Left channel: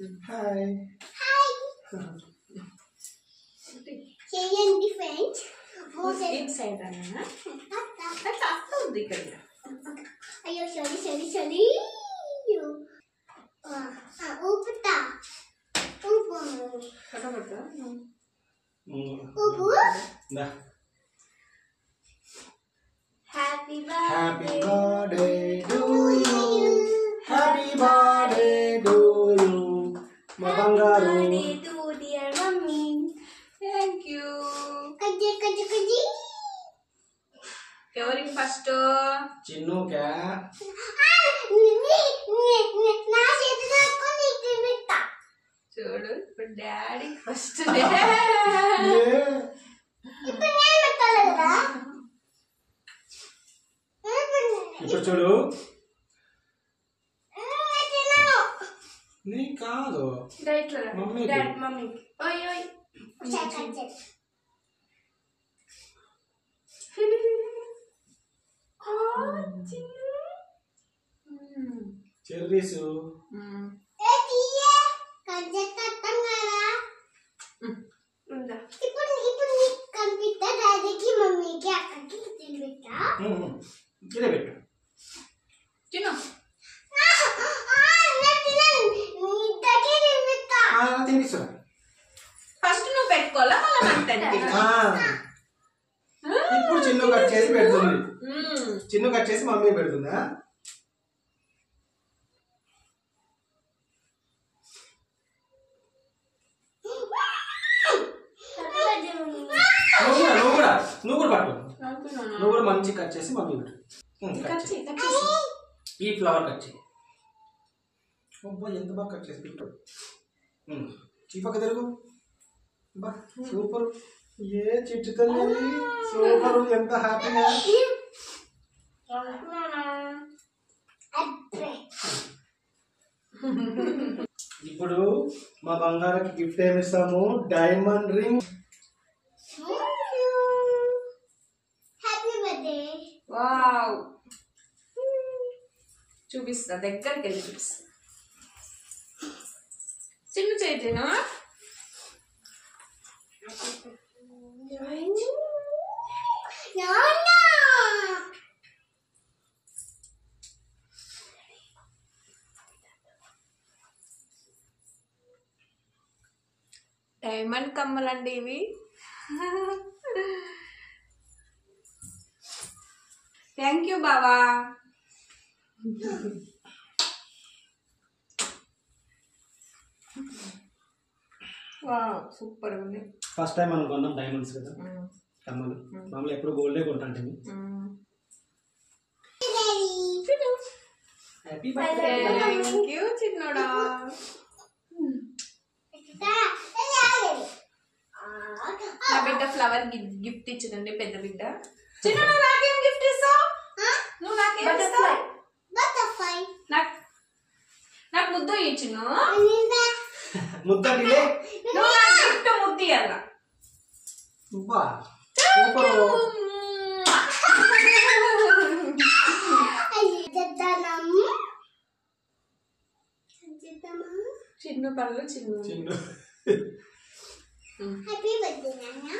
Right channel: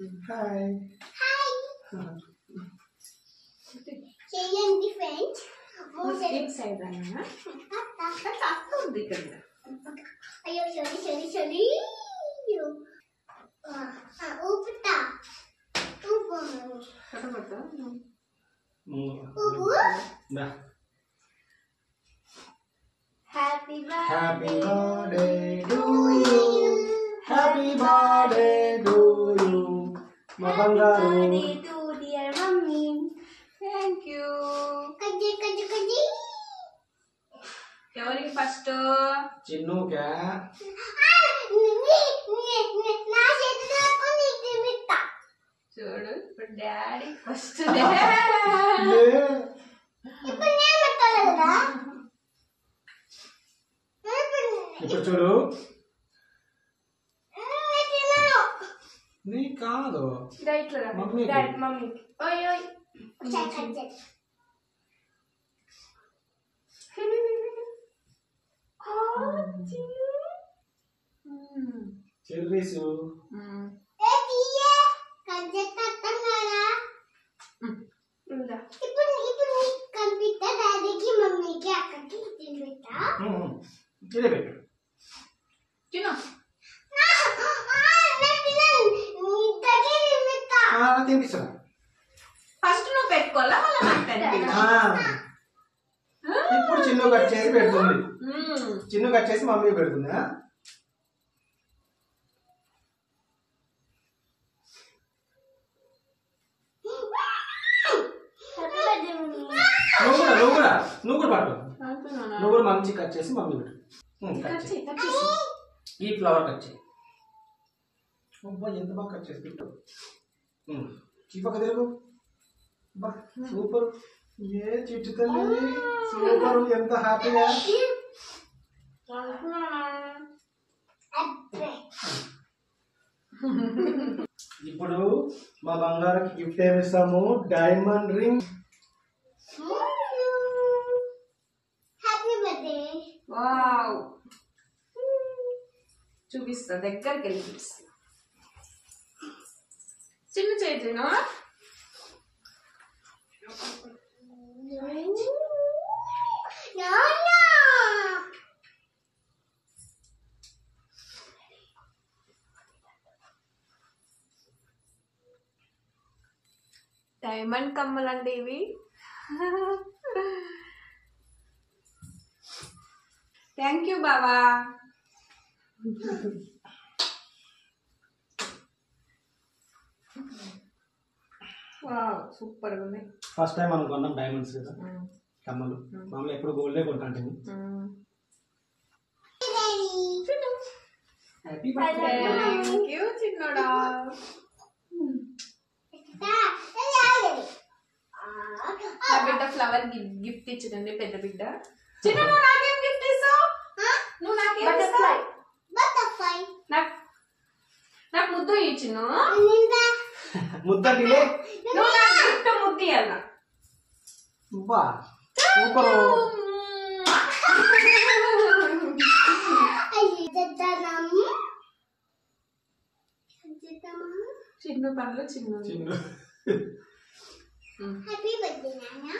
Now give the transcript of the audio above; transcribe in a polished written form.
Hi చేయండి friends it side అన్నా ఉంది ఇక్కడ. అయ్యో చలి ఊపుతా ఊపు ఊపు happy happy birthday to you happy birthday to you మా బంగారు to dear mummy thank you. కజ్జి ఎవరికి ఫస్ట్? చిన్ను క్యా నా చేతిలో నీకు తినిపిస్తా చూడు ఇప్పుడు డాడీ ఫస్ట్. ఇప్పుడు నేను పెట్టాలి కదా ఇప్పుడు చూడు నీ కాదు మమ్మీకి. మమ్మీకి. ఓయ్ ఓయ్ చెర్రీసు ఇప్పుడు నీకు కనిపిస్తా డాడీకి మమ్మీకి అక్కకి తినిపిస్తా ఇదే పెట్టు చిన్న తినిపిస్తా ఫస్ట్ నువ్వు పెట్టుకోవాలా మళ్ళీ నాకు తినిపించు. ఇప్పుడు చిన్ను కట్ చేసి పెడుతుంది. చిన్ను కట్ చేసి మమ్మీ పెడుతుందా? నువ్వు కూడా పట్టు. నువ్వు కూడా మంచి కట్ చేసి మమ్మీ పెట్టు. కట్ చేయి. ఈ ఫ్లవర్ కట్ చేయి. అబ్బా ఎంత బాగా కట్ చేసి పెట్టు. ఈ పక్క తిరుగు. బా సూపర్. ఏ చిట్టు తల్లి సూపర్. ఎంత హ్యాపీగా. ఇప్పుడు మా బంగారకి గిఫ్ట్ ఏమి ఇస్తాము? Diamond ring. Happy birthday wow చూపిస్తా, దగ్గరికి వెళ్ళి చూపిస్తా. చిన్న చేతిను డైమండ్ కమ్మలండి ఇవి. థ్యాంక్ యూ బావా. వావ్ సూపర్ ఉంది. ఫస్ట్ టైం మనం కొన్నాం డైమండ్స్ కదా కమ్మలు. మామూలు ఎప్పుడు గోల్డే కొంటాంటే. Happy birthday. థ్యాంక్ యూ చిన్నోడా. నా బిడ్డ ఫ్లవర్ గిఫ్ట్ ఇచ్చిందండి, పెద్ద బిడ్డ. చిన్న నువ్వు నాకేం గిఫ్ట్ ఇస్తావు? నువ్వు నాకేం ఇస్తావు? నాకు ముద్దు ఇచ్చిను. ముద్దంటిలే. నువ్వు నాకు గిఫ్ట్ ముద్దు ఇయ్యాల. బా సూపర్. చిన్న పనులు చిన్న. హ్యాపీ బర్త్డే నాన్న.